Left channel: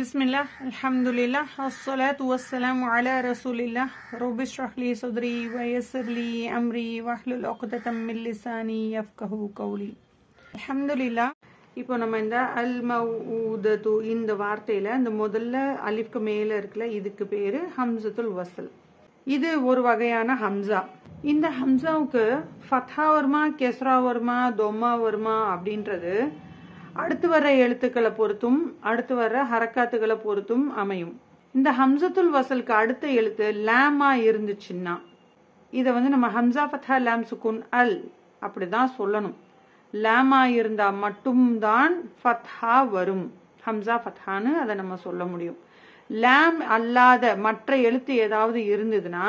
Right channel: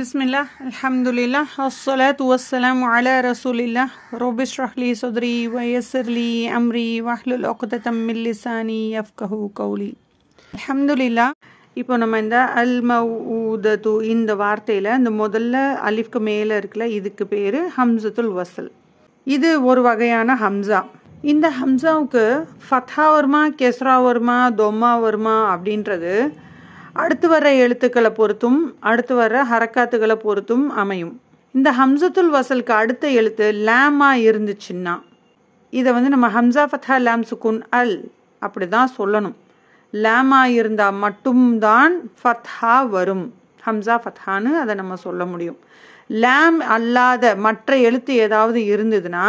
Bismillah, alhamdulillah, assalatu wassalamu ala rasulillah, rabbi shrah li sadri wa yassir li amri wahlul 'uqdatam min lisani yafqahu qawli. Alhamdulillah. இப்போ நம்ம இந்த அல் மவுதது இந்த வார்த்தையில் இந்த முதல்ல அலிஃப்க்கு மேலே இருக்குல்ல, இதுக்கு பேர் ஹம்சத்துல் வசல். இது ஒரு வகையான ஹம்சா. இந்த ஹம்சாவுக்கு ஃபத்ஹா வருமா, கெஸ்ரா வருமா, தொம்மா வருமா அப்படின்றது அடுத்து வர்ற எழுத்துக்களை பொறுத்தும் அடுத்து வர்ற ஹரக்காத்துக்களை பொறுத்தும் அமையும். இந்த ஹம்சத்துல் வசலுக்கு அடுத்த எழுத்து லேமா இருந்துச்சுன்னா இதை நம்ம ஹம்சா ஃபத்ஹா லாம் சுக்குன் அல் அப்படி தான் சொல்லணும். லேமா இருந்தால் மட்டும்தான் ஃபத்ஹா வரும், ஹம்சா ஃபத்ஹான்னு அதை நம்ம சொல்ல முடியும். லேம் அல்லாத மற்ற எழுத்து ஏதாவது இருந்ததுன்னா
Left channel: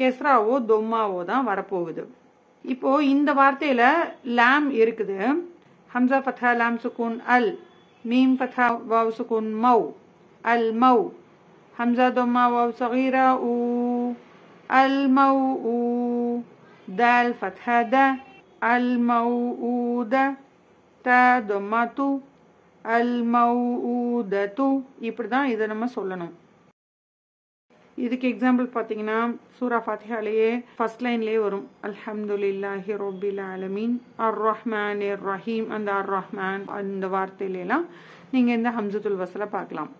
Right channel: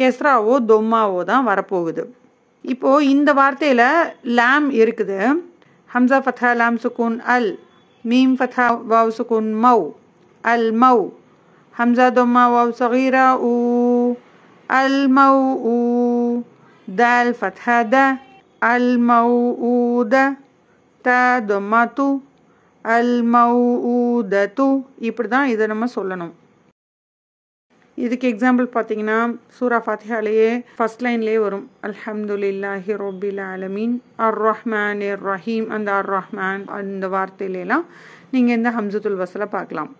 கெஸ்ராவோ தொம்மாவோ தான் வரப்போகுது. இப்போது இந்த வார்த்தையில் லேம் இருக்குது. ஹம்சா ஃபத்ஹா லாம் சுக்குன் அல், மீம் ஃபத்ஹா வாவ் சுக்குன் மௌ, அல் மௌ. ஹம்சா தொம்மா வாவ் சகீரா ஊ, அல் மௌ ஊ. தால் ஃபத்ஹா த, அல் மௌ ஊ த. த தொம்மா து, அல் மௌ ஊ த து. இப்படி தான் இதை நம்ம சொல்லணும். இதுக்கு எக்ஸாம்பிள் பார்த்தீங்கன்னா சூரா ஃபாத்திஹாலேயே ஃபர்ஸ்ட் லைன்லேயே வரும், அல்ஹம்துலில்லாஹி ரப்பில் ஆலமீன் அர் ரஹ்மான் இர் ரஹீம். அந்த அர் ரஹ்மான் அந்த வார்த்தையிலாம் நீங்கள் இந்த ஹம்சத்துல் வசலை பார்க்கலாம்.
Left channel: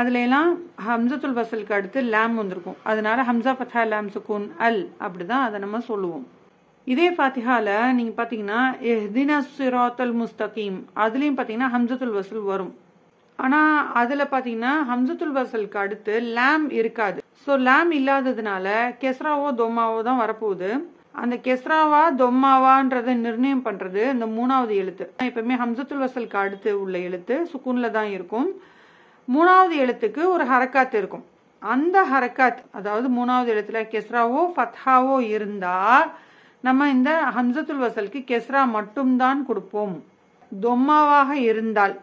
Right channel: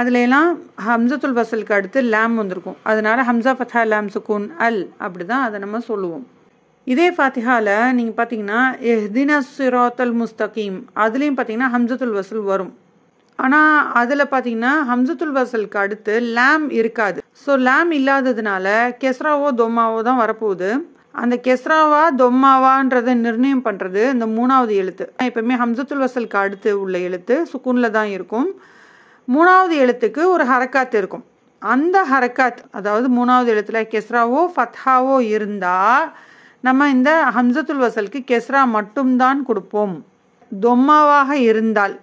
அதுலலாம் ஹம்சத்துல் வசலுக்கு அடுத்து லாம் வந்திருக்கும், அதனால ஹம்சா ஃபத்ஹா லாம் சுக்குன் அல் அப்படி தான் அதை நம்ம சொல்லுவோம். இதே ஃபாத்திஹாவில் நீங்கள் பார்த்தீங்கன்னா இஹ்தினஸ் சிராத்தல் முஸ்தகீம் அதுலேயும் பார்த்தீங்கன்னா ஹம்சத்துல் வசல் வரும். ஆனால் அதில் பார்த்தீங்கன்னா ஹம்சத்துல் வசலுக்கு அடுத்து லாம் இருக்காது. ஸோ லாம் இல்லாததுனால கெஸ்ராவோ தொம்மாவோ தான் வரப்போகுது. அந்த கெஸ்ராவா தொம்மாவான்றதை நிர்ணயம் பண்ணுறது இந்த மூணாவது எழுத்து. எப்பவுமே ஹம்சத்துல் வசலுக்கு அடுத்து உள்ள எழுத்து சுக்குனில் தான் இருக்கும். மூணாவது எழுத்துக்கு ஒரு ஹரக்காத் இருக்கும். அந்த ஹரக்காத் அதாவது மூணாவது எழுத்துல கெஸ்ராவோ ஃபத்ஹாவோ இருந்தால் நம்ம இந்த ஹம்சத்துல் வசலுக்கு கெஸ்ரா மட்டும்தான் கொடுப்போம். தொம்மாவாக இருந்தால்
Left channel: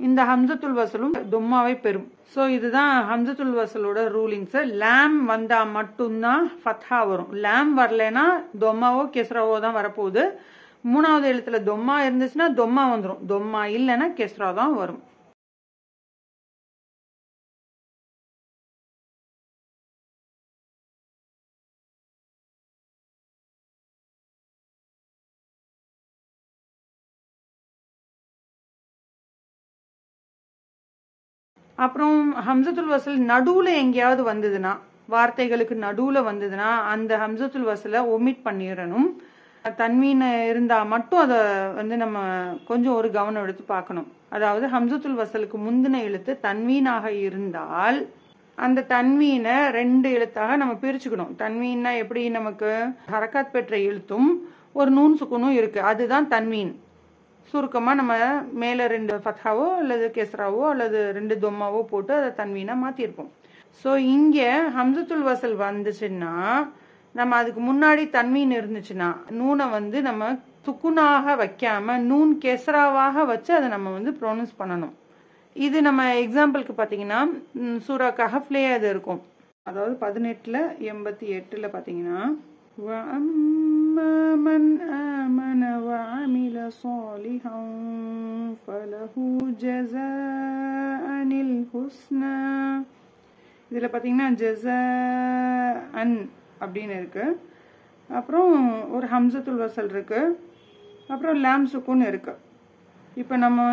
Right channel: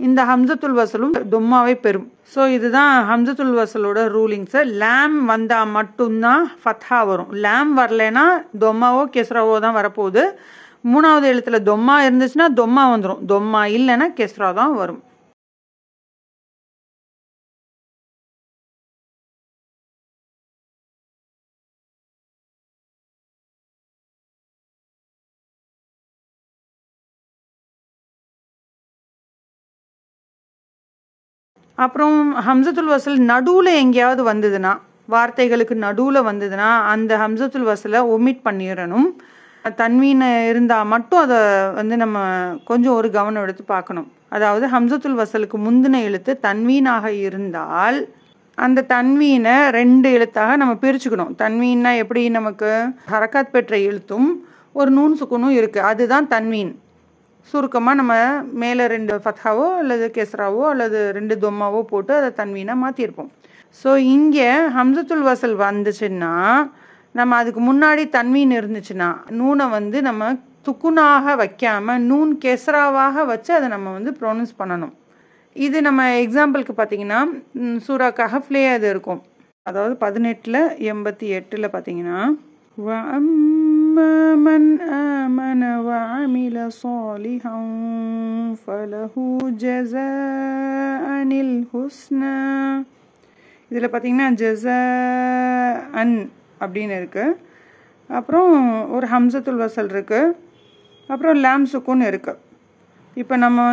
இந்த ஹம்சத்துல் வசலும் தொம்மாவை பெறும். ஸோ இதுதான் ஹம்சத்துல் வசலோட ரூலிங்ஸு. லாம் வந்தால் மட்டும்தான் ஃபத்ஹா வரும். லாம் வரலைன்னா தொம்மாவோ கெஸ்ராவோ தான் வரப்போகுது. மூணாவது எழுத்துல தொம்மா இருந்துச்சுன்னா தொம்மா வந்துடும், தொம்மா இல்லைன்னா கெஸ்ரா தான் வரும். அப்புறம் ஹம்சத்துல் வசல் நடுவில் எங்கேயாவது வந்ததுன்னா, வார்த்தைகளுக்கு நடுவில் வந்ததுன்னா அந்த ஹம்சத்துல் வசலை ஒமிட் பண்ணிடணும். தன்வீன் இருந்தால் மட்டும் அதை நம்ம கொஞ்சம் ஒரு கவனம் எடுத்து பார்க்கணும். அதாவது ஹம்சத்துல் வசலுக்கு முந்தின எழுத்து தன்வீனாக இருந்தால் அந்த தன்வீனை ரெண்டு எழுத்தாக நம்ம பிரிச்சுக்கணும். தன்வீன்னா எப்படி, நமக்கு ஹரக்காத் பெற்ற எழுத்தும் ஒரு நூன் சுக்குனும் இருக்குது, அதுதான் தன்வீன். சுருக்கமாக நம்ம மேலே ரெண்டு ஃபத்ஹாவோ அல்லது கெஸ்ராவோ அல்லது ரெண்டு தொம்மாவோ போட்டு அதை தன்வீனாக மாற்றிருப்போம். ஸோ இங்கே ஹம்சத்துல் வசல் வந்துச்சுன்னா நம்ம அதுக்கு முன்னாடி தன்வீன் இருந்துச்சுன்னா நூனை நம்ம துக்குனாக வைக்காமல் நூன் கெஸ்ராவாக வச்சு அதை நம்ம ப்ரொனவுன்ஸ் பண்ணணும். இது நம்ம எக்ஸாம்பிளுக்கு பார்த்தீங்கன்னா சூரா கஹஃப்லேயே அது இருக்கும். அதாவது 18:88 பார்த்தீங்கன்னா وَأَمَّا آمَنَ وَعَمِلَ صَالِحًا فَلَهُ جَزَاءً الْحُسْنَى. இதில் பார்த்தீங்கன்னா ஜஸாஅன் அப்படின்னு இருக்கு. அப்புறம் ஒரு ஹம்சத்துல் வசல் இருக்கு, அப்புறம் லாம் சுக்குன் இருக்கு. இப்போ நம்ம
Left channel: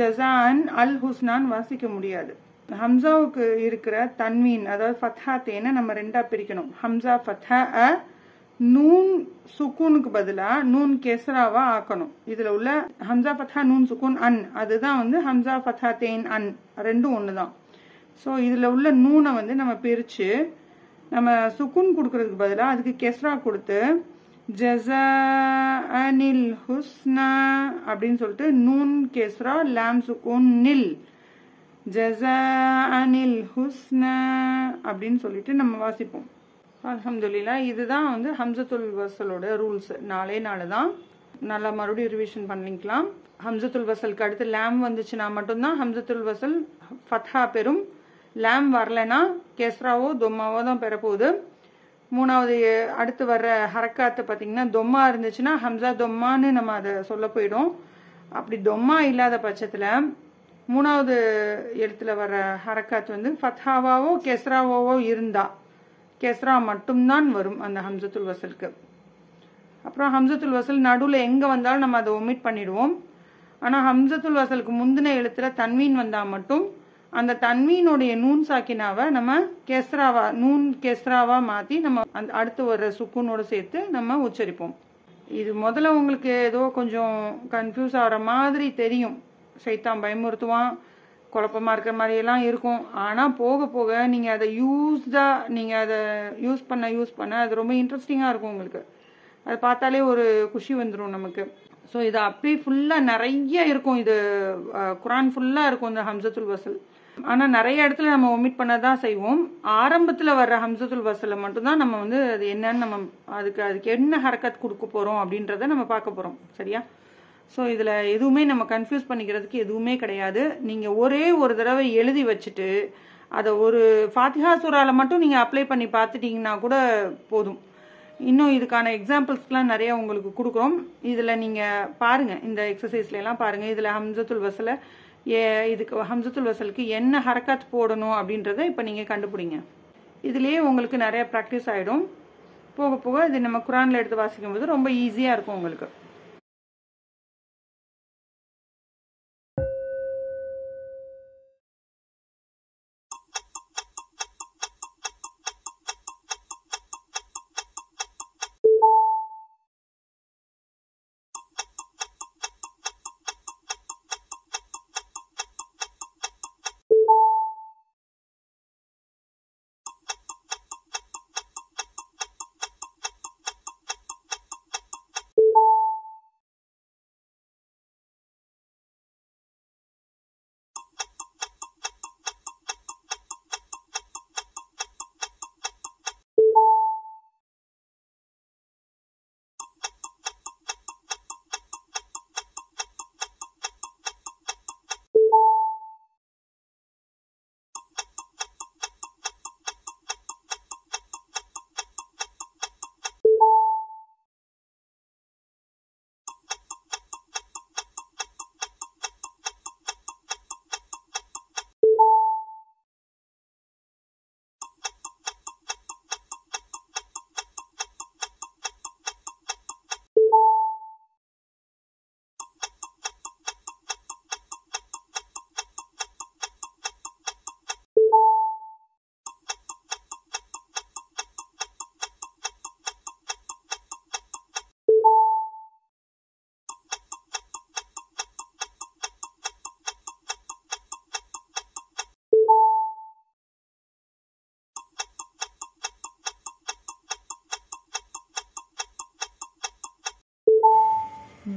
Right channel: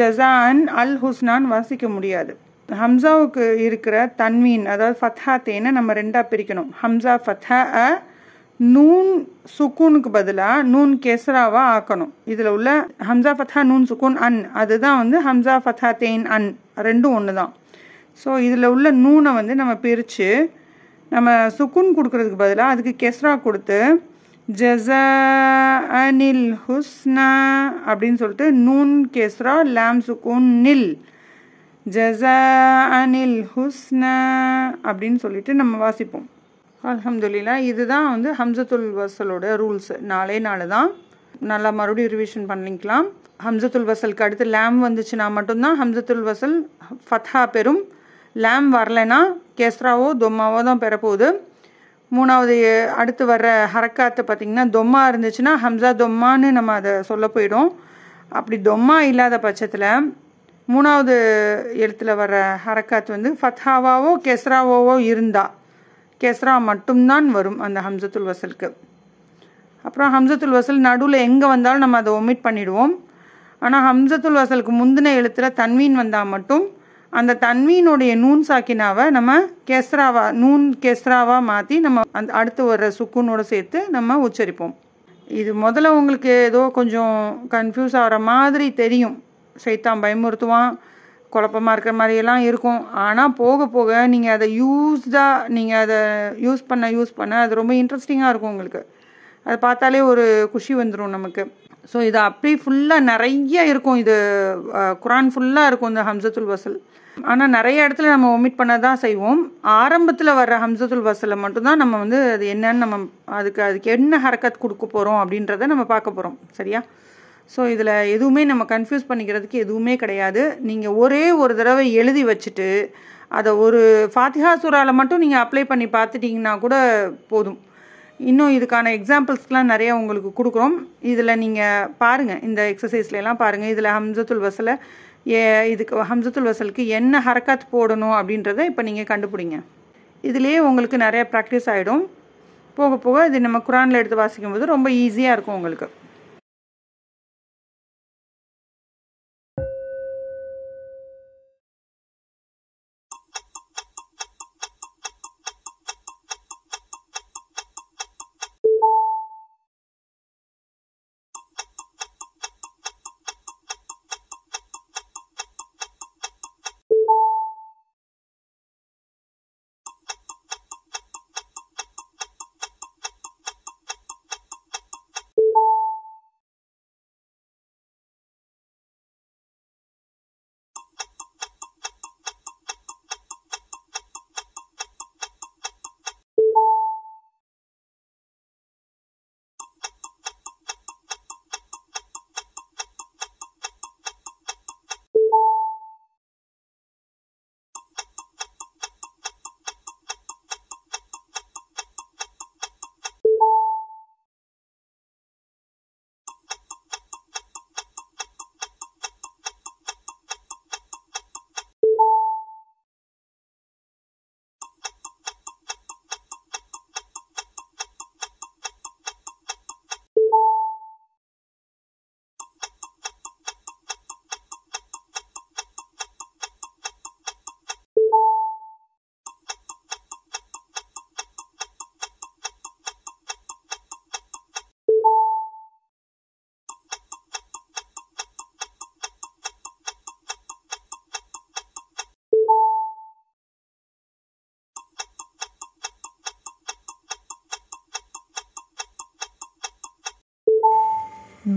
ஜஸாஅன் அல் ஹுஸ்னான் வாசிக்க முடியாது. ஹம்சாவுக்கு இருக்கிற தன்வீன் அதாவது ஃபத்ஹா தேனை நம்ம ரெண்டாக பிரிக்கணும். ஹம்சா ஃபத்ஹா அ, நூன் சுக்கூனுக்கு பதிலாக நூன் கெஸ்ராவா ஆக்கணும். இதில் உள்ள ஹம்சா ஃபத்ஹா நூன் சுக்கூன் அன் அதுதான் ஹம்சா ஃபத்ஹா தேன் அன் ரெண்டும் ஒன்று தான். ஸோ இதில் உள்ள நூனை நம்ம பிரித்து நம்ம சுக்குன் கொடுக்கறதுக்கு பதிலாக அதுக்கு கெஸ்ரா கொடுத்து ஜஸாஅனில் ஹுஸ்னா அப்படின்னு சொல்லிட்டு நூன் கெஸ்ரா லாம் சுக்கூன் நில் ஜஸாஅனில் ஹுஸ்னா அப்படின்னு சொல்லிட்டு நம்ம வாசிப்போம். அல்ஹம்துலில்லாஹ். இதுதான் ஹம்சத்துல் வசலோட ரூல்ஸ். நாலே தான் நல்லா மறுபடியும் ரிவிஷன் பண்ணிக்கலாம். ஹம்சத்துல் வசலுக்கு அடுத்து லாம் வந்துச்சுன்னா மட்டும்தான் ஹம்சத்துல் வசல் ஃபத்ஹா பெறும். லாம் வரலைன்னா கெஸ்ராவோ தொம்மாவோ தான் பெறப்போகுது. மூணாவது அடுத்து வர்ற ஹரக்காத்தை பார்த்திங்கன்னா தொம்மா இருந்துச்சுன்னா ஹம்சா தொம்மான்னு நம்ம அதை சொல்ல போயிடும். அப்படி தொம்மா இல்லாத பட்சத்தில் மூணாவது எழுத்துல வர ஹரக்காத் வந்து ஃபத்ஹாவாவோ கெஸ்ராவாவோ இருந்தால் கெஸ்ரா மட்டும்தான் வரும் அந்த ஹம்சத்துல் வசலுக்கு. அப்புறம் ஹம்சத்துல் வசல் நடுவில் எங்கே வந்தாலும் நம்ம அதை ஒமிட் பண்ணிடுவோம். ஆனால் ஹம்சத்துல் வசலுக்கு முந்தின எழுத்தில் தன்வீன் வந்தால் மட்டும் அந்த தன்வீனுடைய நூன் சாக்கினாவை நம்ம நூன் கெஸ்ராவாக மாற்றி நம்ம அந்த அடுத்து வர்ற சுக்குனோடு சேர்த்து நம்ம உச்சரிப்போம். இது முதல்ல உங்களுக்கு ஏதோ கொஞ்சம் கன்ஃபியூஸ் ஆகிற மாதிரி தெரியும், ஷைத்தான் பயமுறுத்துவான், குழப்பமாக இருக்கிற மாதிரியெல்லாம் இருக்கும். ஆனால் போக போக நீங்கள் அதை நீங்கள் அதை யூஸ் பண்ண அது ரொம்ப இன்ட்ரெஸ்டிங்காக இருக்கும். உங்களுக்கு அதை பார்த்தாலே ஒரு குஷி வந்துடும் நமக்கு. ஸோ இது அப்படி ஃபுல்லாக நிறைய இருக்கும், இது குரான் ஃபுல்லாக இருக்கும் இந்த ஹம்சத்துல் வசல். ஆனால் நிறைய இடத்துல நம்ம ஒமிட் பண்ண தான் செய்வோம். ஆரம்பத்தில் வர்ற ஹம்சத்துல் வசலை மட்டும்தான் நம்ம வந்து அது என்னன்னு நம்ம அதுக்கு என்ன ஹரக்கத் கொடுக்க போகிறோம் அப்படின்றத நம்ம பார்க்க போகிறோம். சரியா? ஸோ இதில் எதுவுமே நம்ம கன்ஃபியூஸ் பண்ணிக்கிறதுக்கு எதுவுமே கிடையாது. நீங்கள் ஒரே ஒரு தடவை எழுதி வச்சுட்டு அதை ஒரு ஃபாத்திஹா சூராவில் மட்டும் நீங்கள் அப்ளை பண்ணி பார்த்துட்டிங்கன்னா கூட போதும். இன்னும் இதுக்கான எக்ஸாம்பிள்ஸ்லாம் நிறையா உங்களுக்கு கொடுக்குறோம். இதில் நீங்கள் பாருங்கள், இந்த எக்ஸசைஸ்லாம் பாருங்கள். இதில் ஹம்சத்துல் வசலை இதுக்கு ஹம்சத்துல் வசலுக்கு என்ன ஹரக்காத் போடணும் அப்படின்றத இப்போ நீங்கள் கண்டுபிடிங்க. இதுலேயே உங்களுக்கு நிறைய ப்ராக்டிஸ் ஆகிடும். போக போக இது நம்ம குரானில் எடுத்து வாசிக்கும் போது ரொம்ப ஈஸியாக இருக்கும் உங்களுக்கு.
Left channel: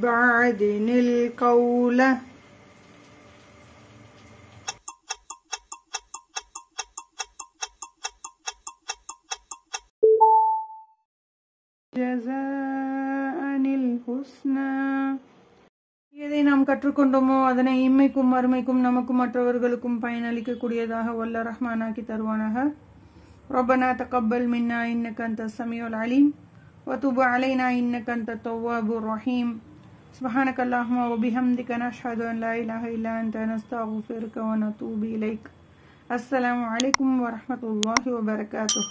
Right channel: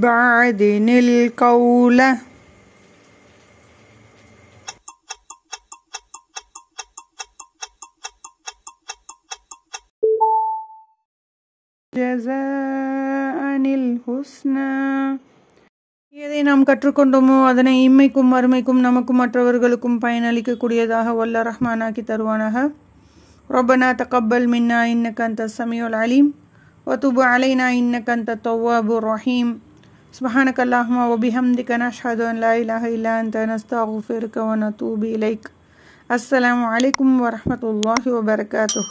بعدن القول جزاء الحسنى. எதை நாம் கற்றுக்கொண்டோமோ அதனை இம்மைக்கும் மறுமைக்கும் நமக்கும் மற்றவர்களுக்கும் பயனளிக்கக்கூடியதாக வல்ல ரஹ்மானாக்கி தருவானாக. ரப்பனா தகப்பல் மின்னா இன்னக அன்தஸ் ஸமீஉல் அலீம் வதுப் அலைனா இன்னக அன்தத் தவ்வாபுர் ரஹீம். சுப்ஹானக அல்லாஹும்ம வ பிஹம்திக நஷ்ஹது அன் லா இலாஹா இல்லா அன்த நஸ்தக்ஃபிருக வ நதூபு இலைக். அஸ்ஸலாமு அலைக்கும் வ ரஹ்மத்துல்லாஹி வ பரகாத்துஹு.